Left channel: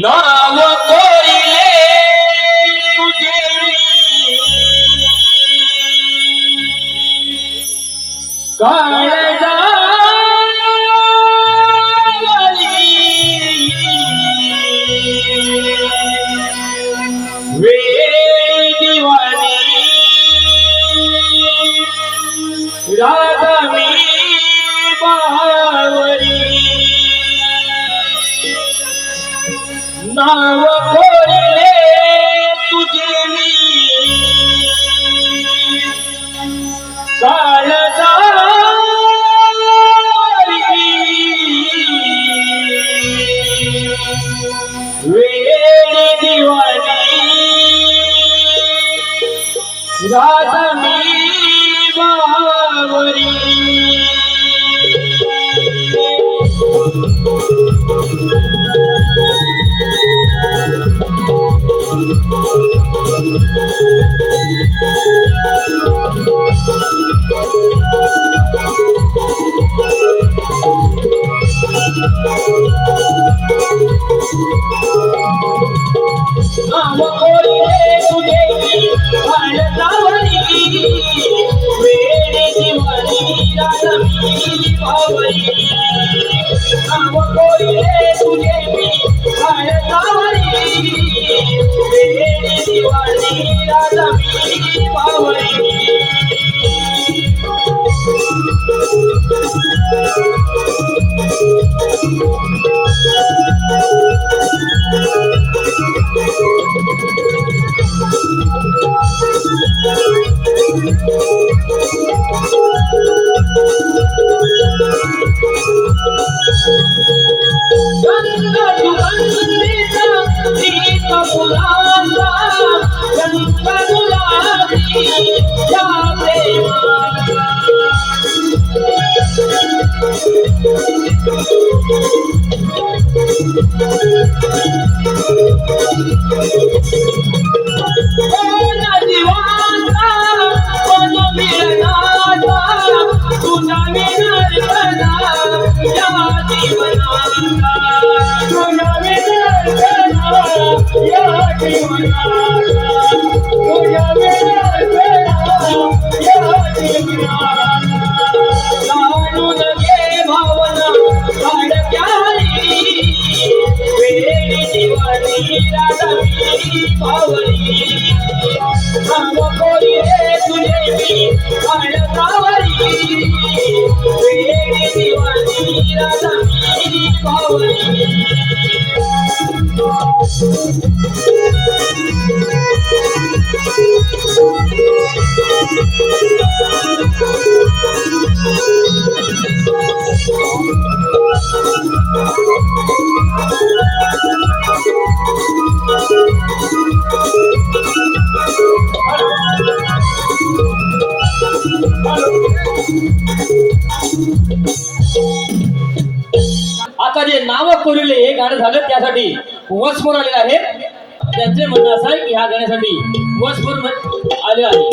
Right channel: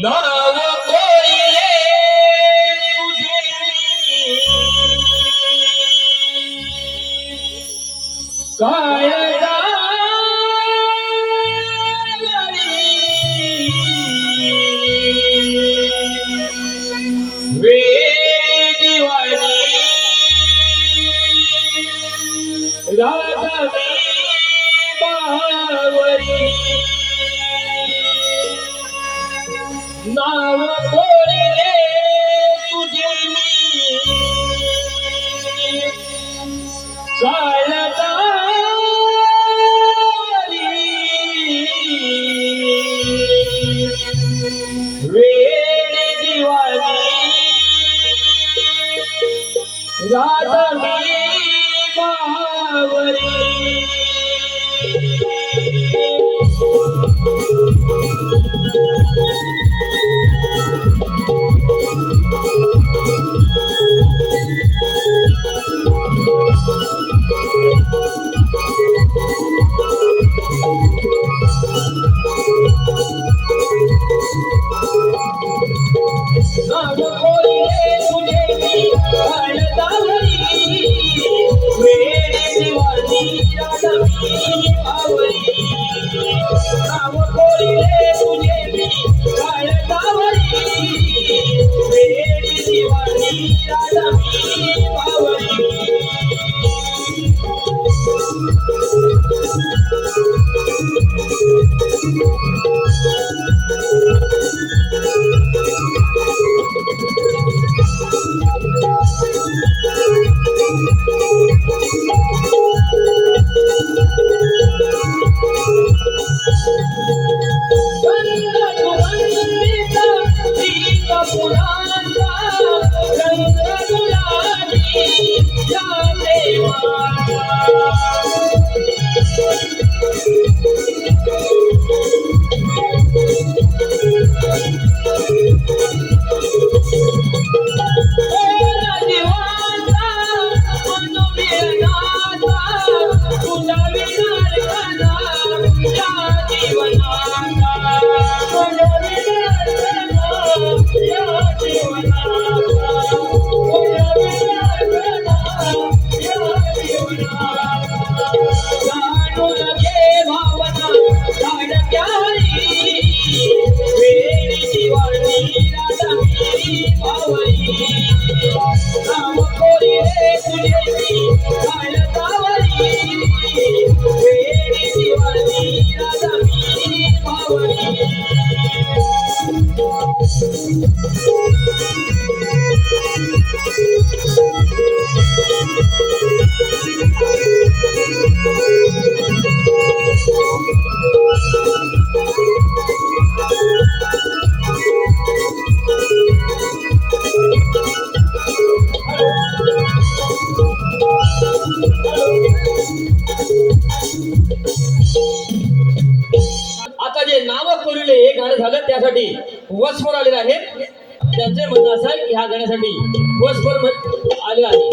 नाव कोरिले तुझे काळजावरी वेळ दिवाणी राधा मी बहावरी नाव कोरिले तुझे मी वेडी दिवाणी राधा मी बहावरी नाव कोरिले तुझे मी काळजावरी वेडी दिवाणी राधा मी बहावरी नाव कोरिले तुझे मी काळजावरी वेडी दिवाणी राधा मी बहावरी आता जे नाव कोरिले हे गाणं झालं त्यासाठी वसफोर आलेला आहे. त्यांचे म्हणणं असं आहे की ह्या गाण्यासाठी वसफोर आले आहे.